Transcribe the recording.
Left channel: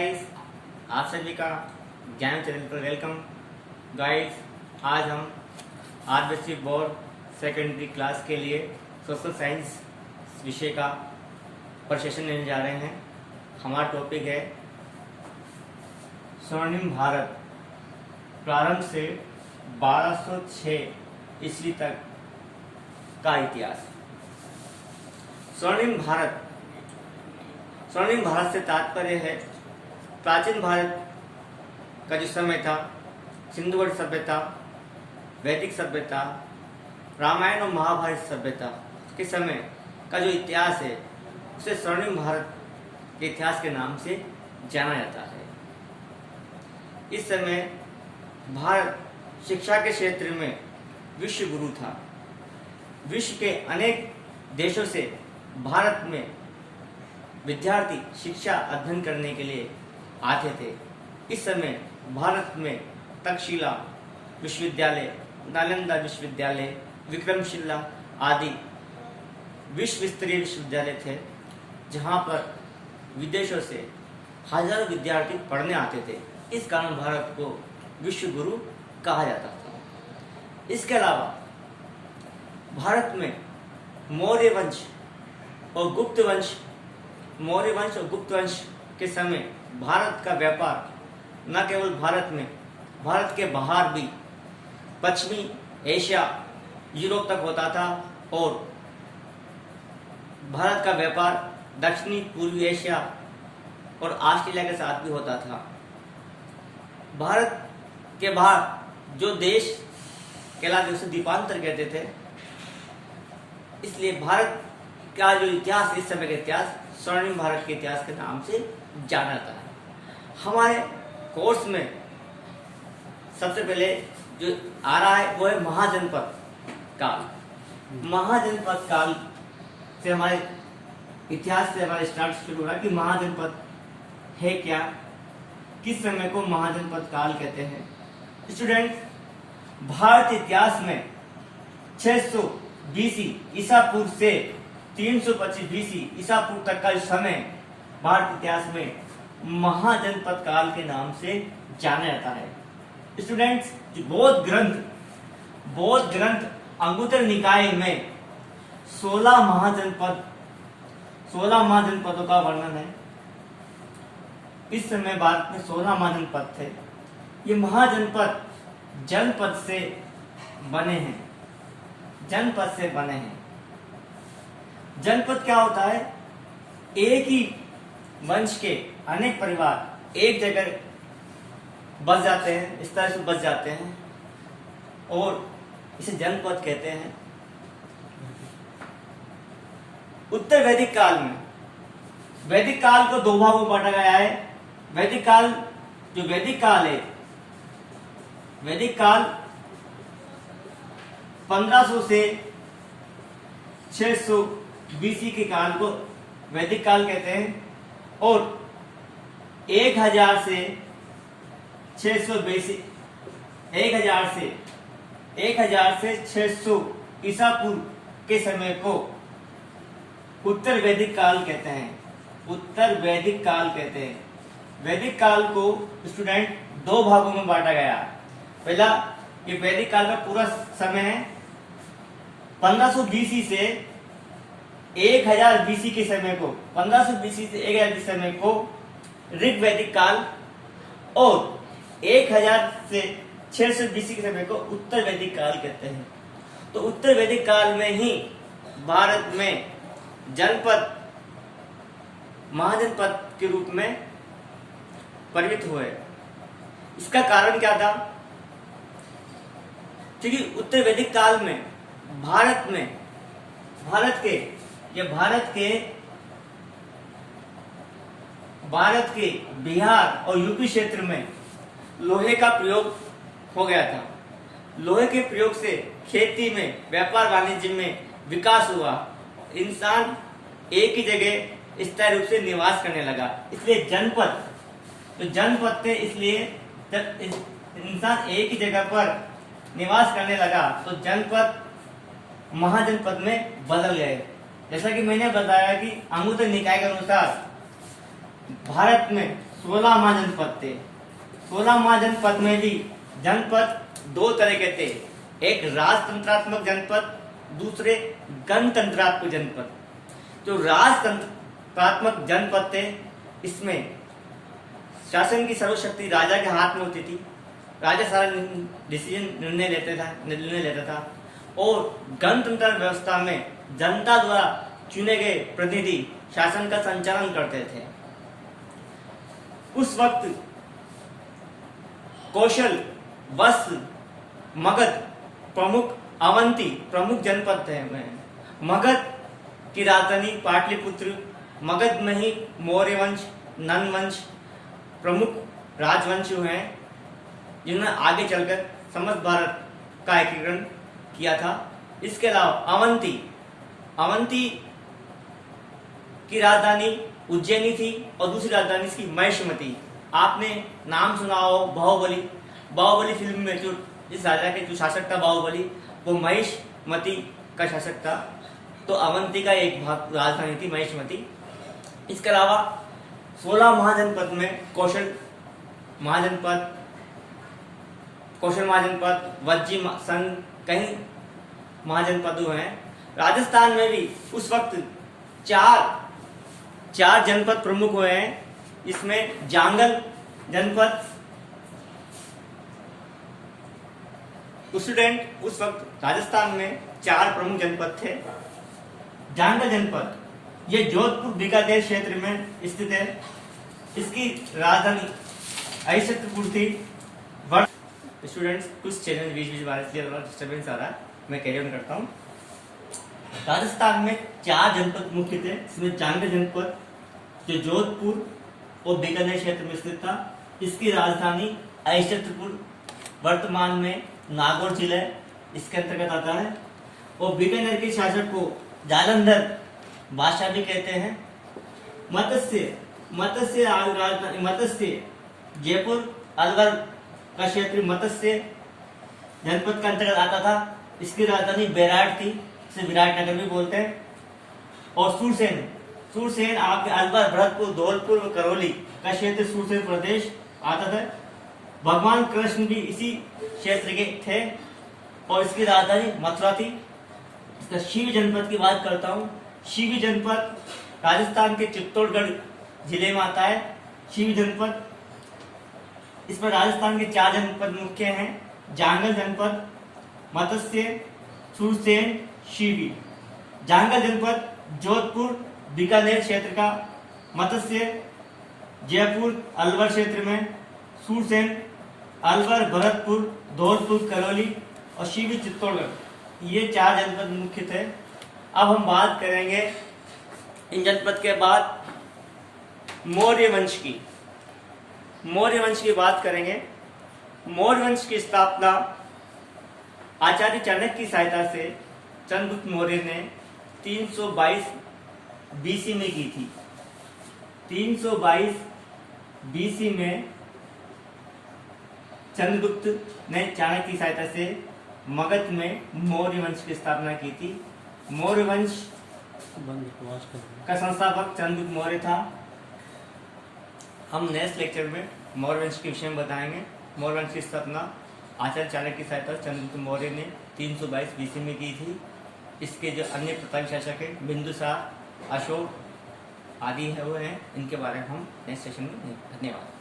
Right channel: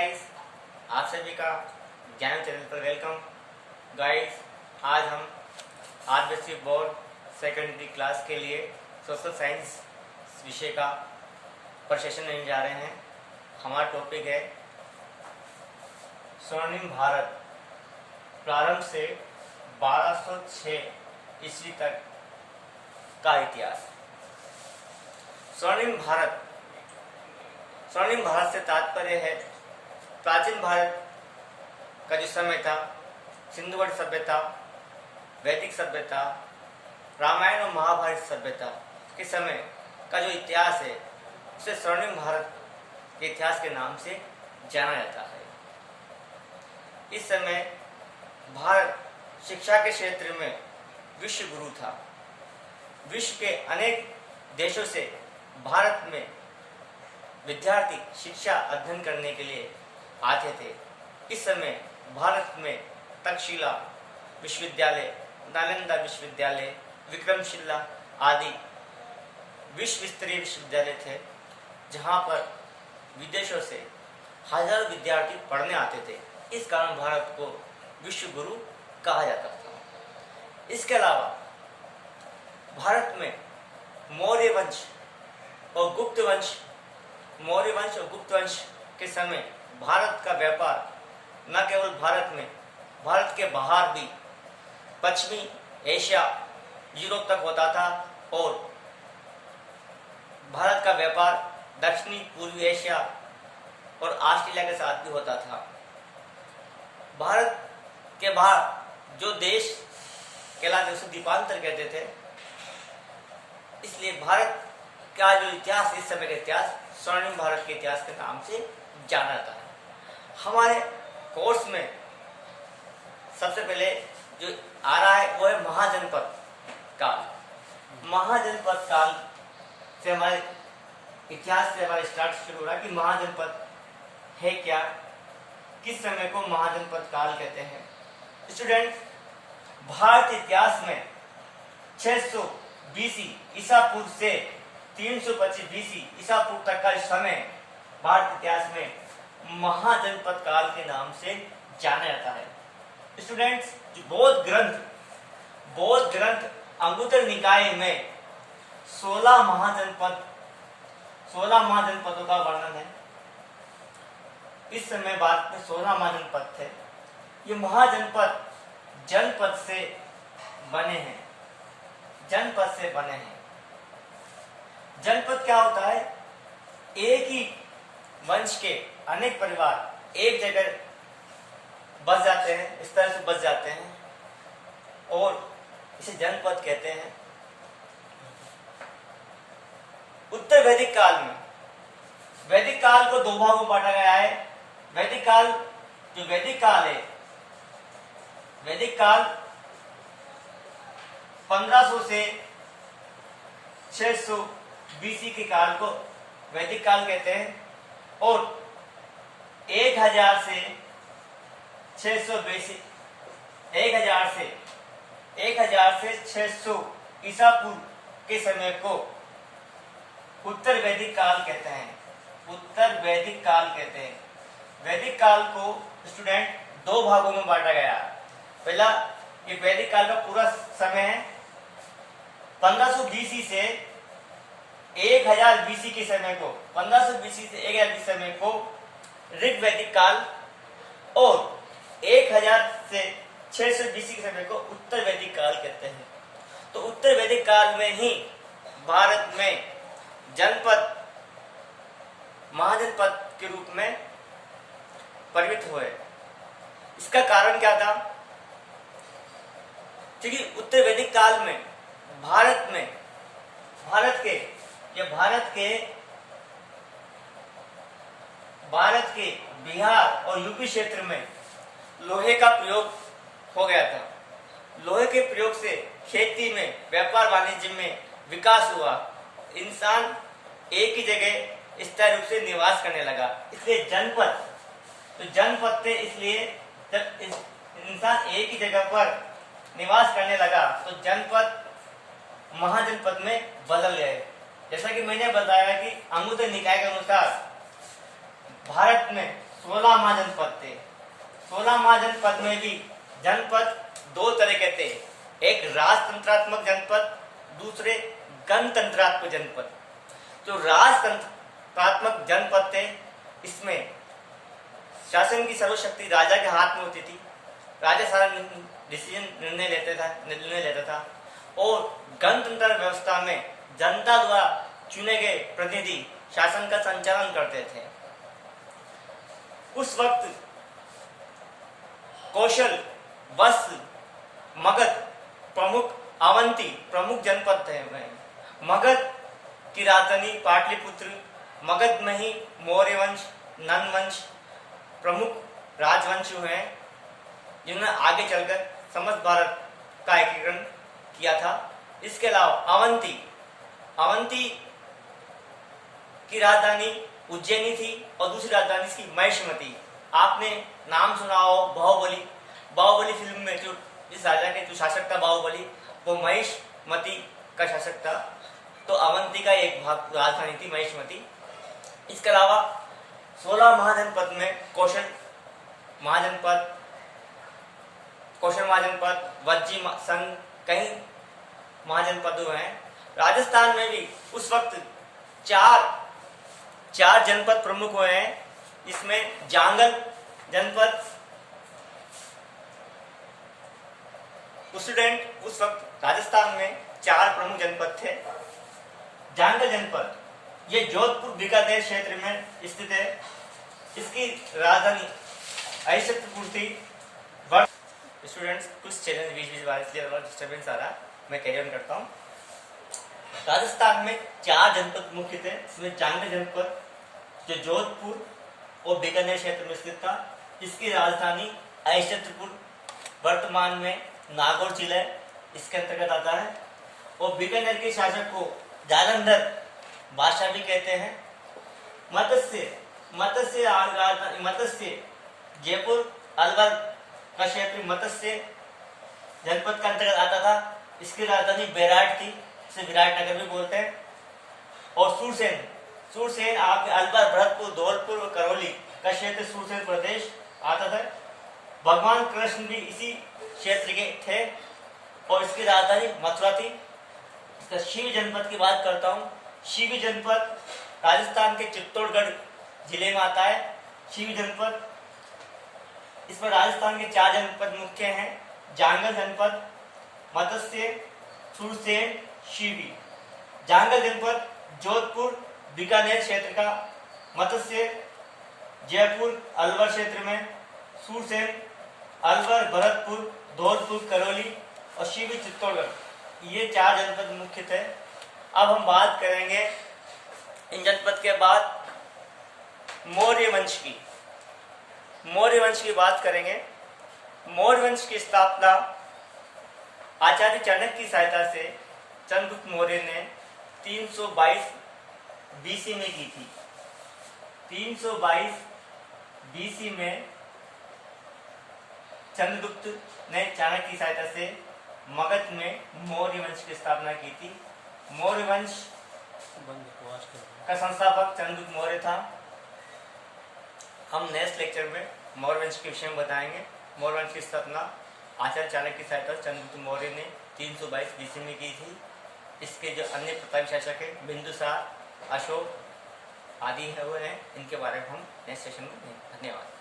Guys, आप सभी का ज्ञान चैनल पर वेलकम। गाइस, आज हम आदिवासी बोर्ड सेकेंडरी क्लास के लिए सोशल साइंस विषय का प्रशिक्षण लेने जा रहे हैं। हमारा टॉपिक है स्वर्णिम भारत, प्रारंभ से 1206 ईस्वी तक का इतिहास। स्वर्णिम भारत से तात्पर्य है प्राचीन भारत का जो समय था, सिंधुघाटी सभ्यता, वैदिक सभ्यता, रामायण और महाभारत सभ्यता के समय का जो इतिहास है उसे स्वर्णिम भारत के इतिहास के नाम से जाना जाता है। इस समय भारत शिक्षा के क्षेत्र में विश्व गुरु था। विश्व के अनेक देशों से भारत में विद्यार्थी शिक्षा अध्ययन करने के लिए आते थे। इस समय भारत में तक्षशिला विश्वविद्यालय, नालंदा विश्वविद्यालय, विक्रमशिला आदि विश्व स्तरीय विश्वविद्यालय थे, जहां पर विदेशों से हजारों विद्यार्थी पढ़ने आते थे। इस कारण भारत को विश्व गुरु कहा जाता था। इसके अलावा भारत में मौर्य वंश और गुप्त वंश के समय भारत का व्यापार न केवल भारत में, भारत के बाहर भी पश्चिमी एशिया, यूरोप तक होता था और भारत का व्यापार दक्षिणी पूर्वी एशिया और ऑस्ट्रेलिया के साथ भी होता था। भारत के बाहर जो देश कहलाते उसे द्वीपांतर कहते थे। इसलिए भारत का जो इतिहास, इस समय का इतिहास स्वर्णिम भारत के इतिहास के नाम से जाना जाता है। हमारे कोर्स में सबसे पहले जो आ रहा है वो है महाजनपद काल। महाजनपद काल से हमारे इतिहास से हमारे स्टार्ट शुरू हुआ कि महाजनपद है क्या, किस समय को महाजनपद काल कहते हैं। स्टूडेंट, भारत इतिहास में 600 बीसी ईसा पूर्व से 325 बीसी ईसा पूर्व तक का समय भारत इतिहास में महाजनपद काल के नाम से जाना जाता है। स्टूडेंट्स, बौद्ध ग्रंथ अंगुत्तर निकाय में 16 महाजनपदों का वर्णन है। इस समय भारत में 16 महाजनपद थे। ये महाजनपद जनपद से बने हैं। जनपद क्या होता है? एक ही वंश के अनेक परिवार एक जगह बस जाते हैं, इस तरह से बस जाते हैं और इसे जनपद कहते हैं। उत्तर वैदिक काल में, वैदिक काल को दो भागों में बांटा गया है। वैदिक काल है, वैदिक काल 1500 से 600 बीसी के काल को वैदिक काल कहते हैं और 1000 से 600 ईसा पूर्व के समय को उत्तर वैदिक काल कहते हैं। वैदिक काल को स्टूडेंट दो भागों में बांटा गया है। पहला, ये वैदिक काल का पूरा समय है 1500 बीसी से 1000 बीसी के समय को, 1500 बीसी से 1000 के समय को ऋग वैदिक काल और 1000 से 600 बीसी के समय को उत्तर वैदिक काल कहते हैं। तो उत्तर वैदिक काल में ही भारत में जनपद महाजनपद के रूप में परिणत हुए। इसका कारण क्या था? क्योंकि उत्तर वैदिक काल में भारत के बिहार और यूपी क्षेत्र में लोहे का प्रयोग हो गया था। लोहे के प्रयोग से खेती में, व्यापार वाणिज्य में विकास हुआ। इंसान एक ही जगह स्थायी रूप से निवास करने लगा। इसलिए जनपद थे। इसलिए जब इंसान एक ही जगह पर निवास करने लगा तो जनपद महाजनपद में बदल गए। जैसा कि मैंने बताया कि अंगुत्तर निकाय के अनुसार भारत में 16 महाजनपद थे। 16 महाजनपद में भी जनपद दो तरह के थे, एक राजतंत्रात्मक जनपद, दूसरे गणतंत्रात्मक जनपद। जो राजतंत्रात्मक जनपद थे, इसमें शासन की सर्वशक्ति राजा के हाथ में होती थी। राजा सारा निर्णय लेता था और गणतंत्र व्यवस्था में जनता द्वारा चुने गए प्रतिनिधि शासन का संचालन करते थे। उस वक्त कौशल, वत्स, मगध प्रमुख, अवंती प्रमुख जनपद थे। मगध की राजधानी पाटलिपुत्र, मगध में ही मौर्य वंश, नंद वंश प्रमुख राजवंश हैं, जिन्होंने आगे चलकर समस्त भारत का एकीकरण किया था। इसके अलावा अवंती की राजधानी उज्जैनी थी और दूसरी राजधानी इसकी महिष्मती। आपने नाम सुना हो बाहुबली फिल्म में जो इस राजा के जो शासक था बाहुबली, वो महिष्मती का शासक था। तो अवंती का एक भाग राजधानी थी महिष्मती। इसके अलावा 16 महाजनपद में कौशल महाजनपद, वज्जी संघ कई महाजनपद हुए हैं। राजस्थान में भी उस वक्त चार जनपद प्रमुख हुए हैं। इसमें जांगल जनपद, उस वक्त राजस्थान में 4 प्रमुख जनपद थे। जांगल जनपद ये जोधपुर बीकानेर क्षेत्र में स्थित है। इसकी राजधानी अहिच्छत्रपुर थी। स्टूडेंट्स, कुछ चैनल बीच डिस्टर्बेंस आ रहा, मैं कैरी ऑन करता हूँ। राजस्थान में 4 जनपद मुख्य थे। इसमें जांगल जनपद जो जोधपुर और बीकानेर क्षेत्र में स्थित था, इसकी राजधानी अहिच्छत्रपुर वर्तमान में नागौर जिला इसके अंतर्गत आता है। और बीकानेर के शासक को जालंधर बादशाह भी कहते हैं। मत्स्य जयपुर अलवर का क्षेत्र मत्स्य जनपद का अंतर्गत आता था। इसकी राजधानी बेराट थी, इसे विराटनगर भी बोलते हैं। और सूरसेन आपके अलवर, भरतपुर, धौलपुर और करौली का क्षेत्र सूरसेन प्रदेश आता था। भगवान कृष्ण भी इसी क्षेत्र के थे और इसकी राजधानी मथुरा थी। शिव जनपद की बात करता हूँ। शिव जनपद राजस्थान के चित्तौड़गढ़ जिले में आता है। शिव जनपद, इसमें राजस्थान के 4 जनपद मुख्य हैं, जांगल जनपद, मत्स्य, सूरसेन, शिवी। जांगल जनपद जोधपुर बीकानेर क्षेत्र का, मत्स्य जयपुर अलवर क्षेत्र में, सूरसेन अलवर, भरतपुर, धौलपुर, करौली और शिवी चित्तौड़गढ़, ये 4 जनपद मुख्य थे। अब हम बात करेंगे इन जनपद के बाद मौर्य वंश की बात करेंगे। मौर्य वंश की स्थापना आचार्य चाणक्य की सहायता से चंद्रगुप्त मौर्य ने 322 बीसी में की थी। 322 बीसी में चंद्रगुप्त ने चाणक्य की सहायता से मगध में मौर्य वंश की स्थापना की थी। मौर्य वंश का संस्थापक चंद्रगुप्त मौर्य था। हम नेक्स्ट लेक्चर में मौर्य वंश के विषय में बताएंगे। मौर्य वंश की स्थापना आचार्य चाणक्य की सहायता से चंद्रगुप्त मौर्य ने 322 बीसी में की थी। इसके जो अन्य प्रतापी शासक है, बिंदुसार, अशोक आदि है वो हैं, इनके बारे में हम नेक्स्ट सेशन में। धन्यवाद।